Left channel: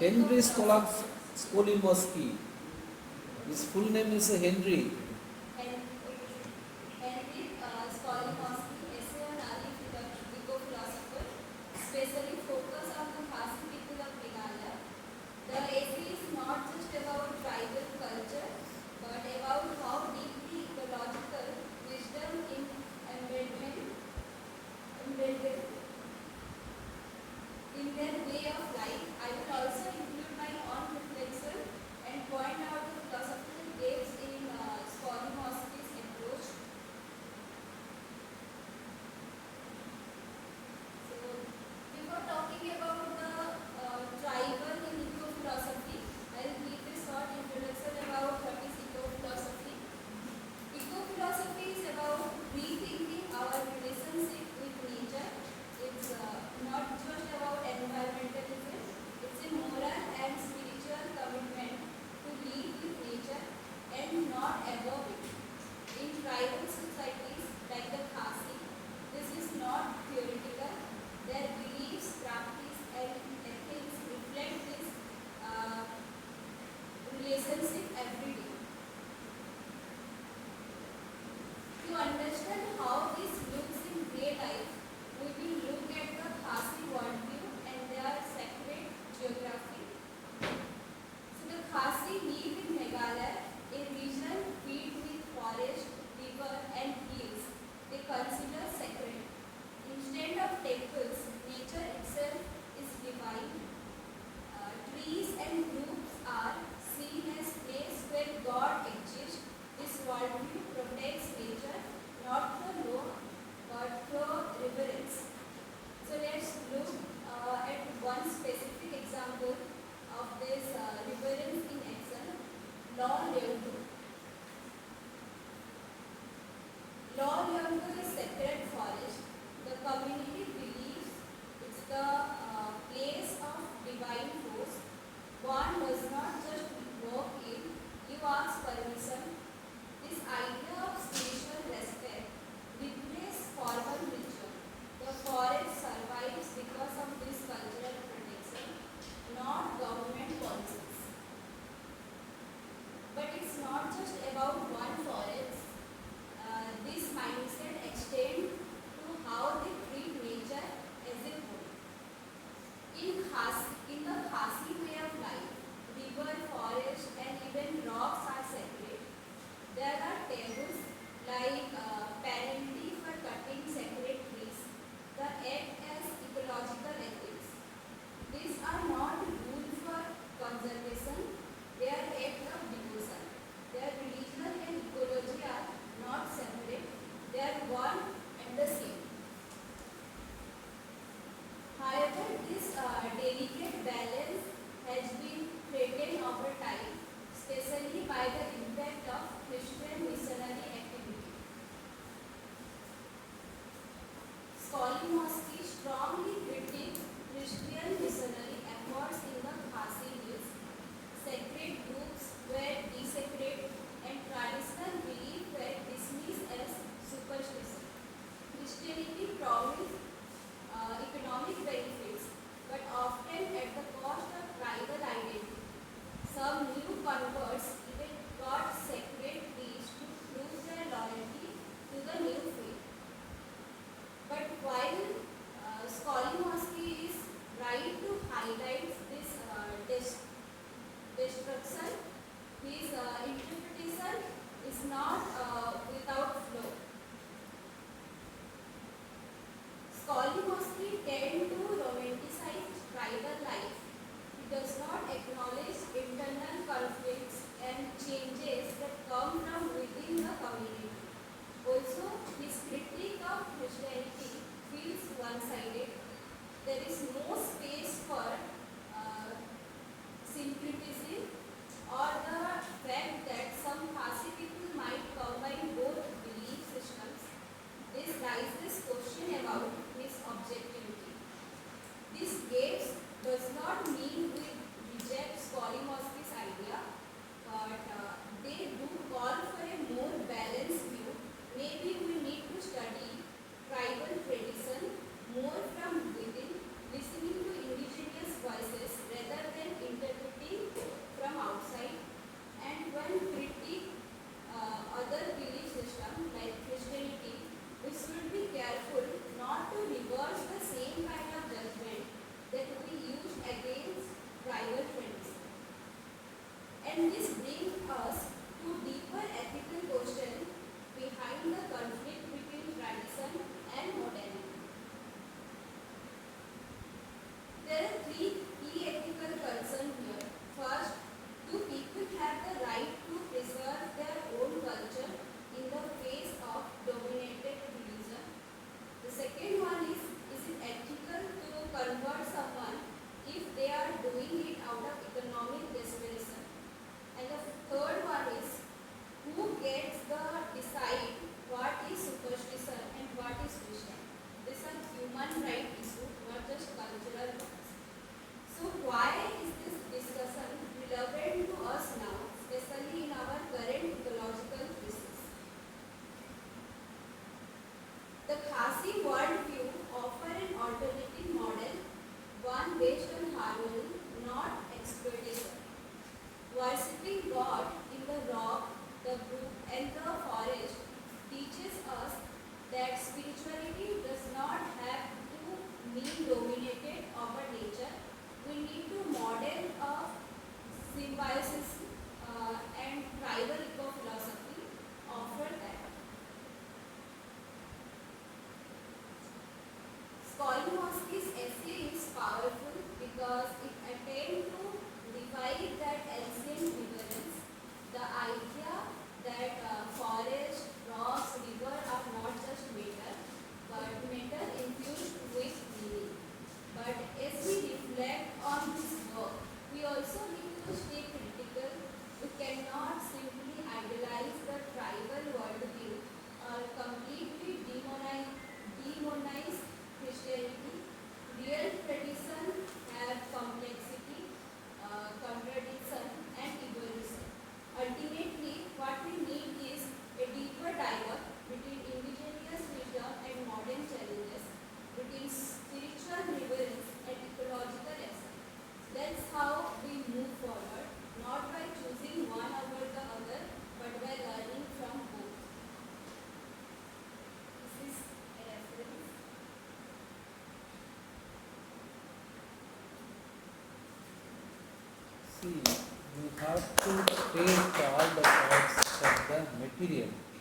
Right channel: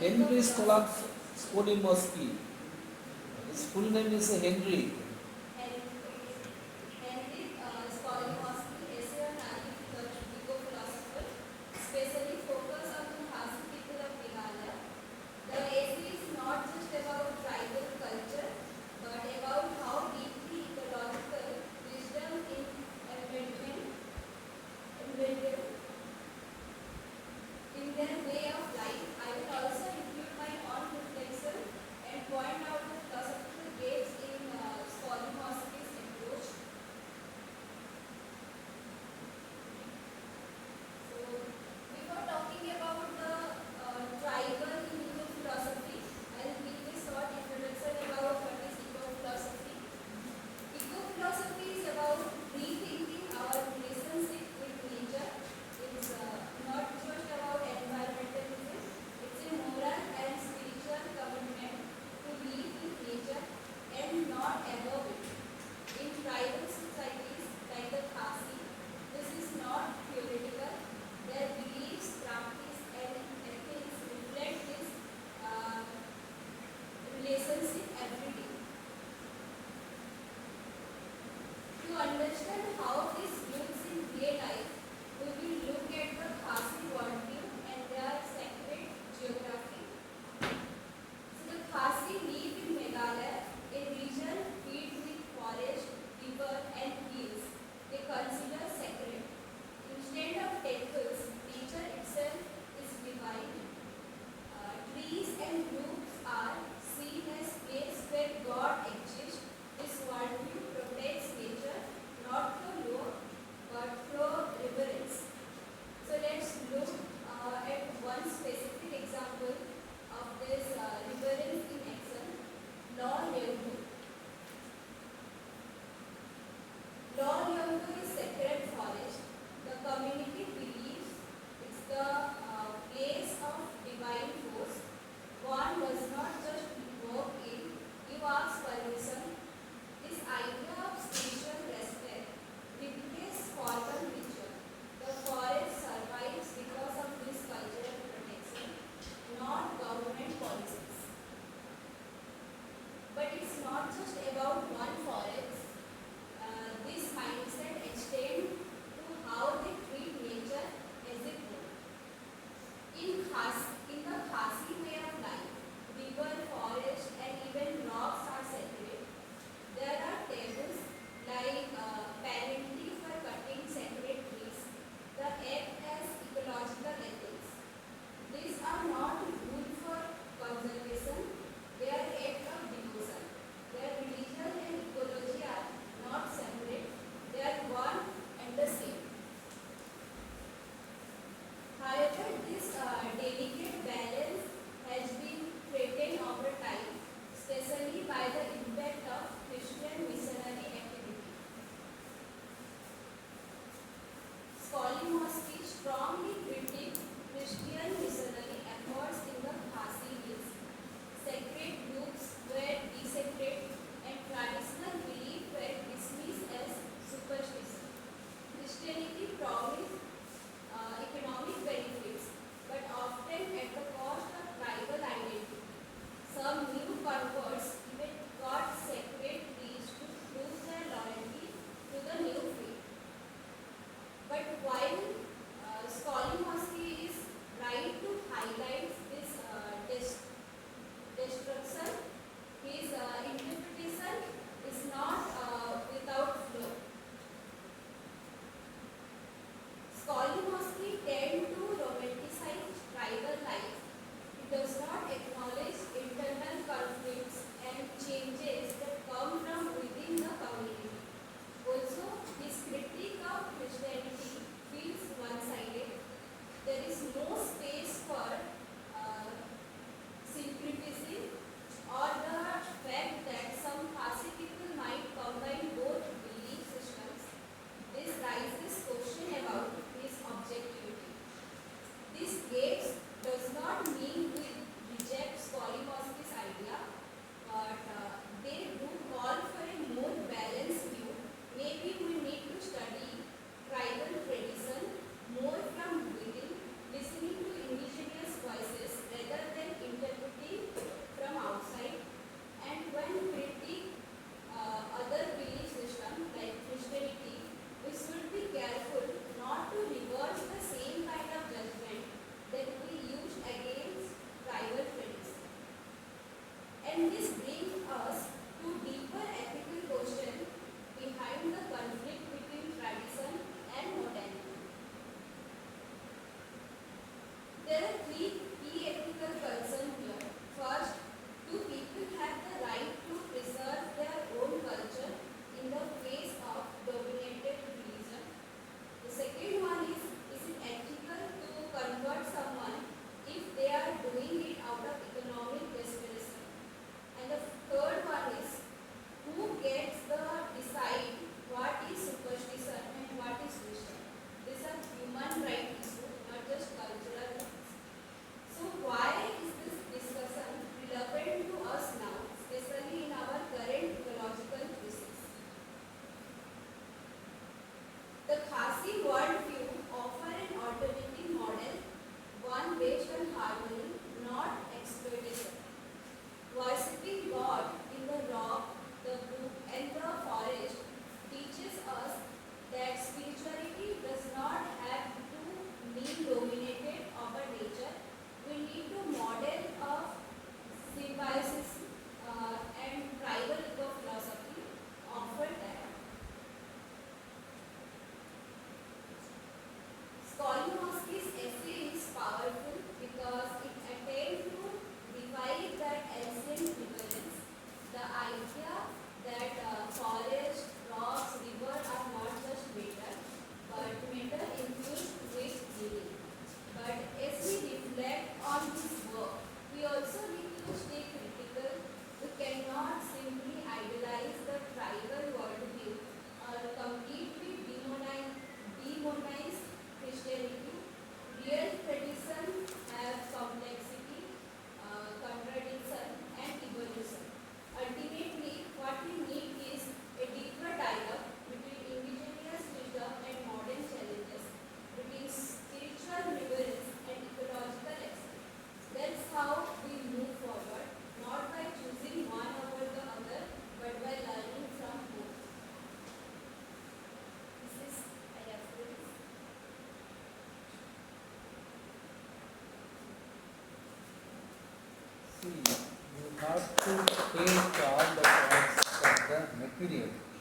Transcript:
Henry Skolimowski. His full name is Henry. Henry Skolimowski, essay on eco-philosopher, specially focus on the Khasi people of Meghalaya. The essay is not just about tribal culture, but about how deeply ecological wisdom in embedded in their way of life. I will also include my own reflection and point out the philosophical gaps in Skolimowski's approach. So, before talking about the tribal in eco-philosophy, I'll give a short introduction about what is eco-philosophy. Eco-philosophy is about rethinking our relationship with nature. It's not just about environmentalism, it's a moral and spiritual commitment to live with nature and not above it. In tribal societies like the Khasi, this is not theoretical. Their beliefs, practice, and ethics reflect this relationship every day. To understand how this looks in real life, we will look at the Khasi worldview and their sacred geography. So the Khasi live in Meghalaya, a region filled with forest, river, and hills they consider sacred. Instead of temples, nature itself is divine. Trees and groups are seen as places where God exists. This worldview protects nature not through law but through reverence. So let's look at one specific example of this reverence in action. Law Leonto. Law Leonto is sacred forest. The community believes it's the place of divine force. One does not just walk in, you ask permission. This idea of spiritual respect replaces formal ritual. The forest survives because of this cultural protection, not government policies. But it's not just about one forest. This mindset extends to how they treat nature as a whole. In the Khasi way of life, river, forest, and even rocks are sacred. There are taboos like penalty for cutting sacred trees that act as ecological ethics. These are not rules for conservation, they are acts of devotion. Their religion and ecology are not separate, they are one and the same. However, this delicate balance has been threatened over time, especially by the impact of Christian missionary activity. Skolimowski strongly critiqued Christian missionary efforts in the Khasi Hills. Sacred groups were desecrated and traditional beliefs were dismissed as superstition. Christianity promised economic benefits, but often at the cost of tribal identity. Some new converts even got sacred trees to prove their loyalty to the new faith. But while Skolimowski is right to The Khasi worldview offer an alternative model, one based on harmony, not exploitation. Worshipping God in the rock, the brook, and the forest teaches us that spirituality does not have to mean dominated over nature. We need to model of symbiosis and tribal eco-philosophy offer that. Skolimowski's essay is powerful because it attempts to divide that ancient vigilance, the idea that forest, rocks, river are not just matter, but matter infused with meaning. But as we reflect on this work, we also need to stay critical. We cannot simply idolize the tribal worldview or completely demonize Christianity. Real tradition has complexity, contradiction, and evolution. Ultimately, what we need is a deeper dialogue between indigenous wisdom and modern challenges, between spiritual reverence and ecological excellence. That's how we move forward, not by choosing one over the other, but by learning from both. This is a reference. See, you have to take all the thoughts of the material.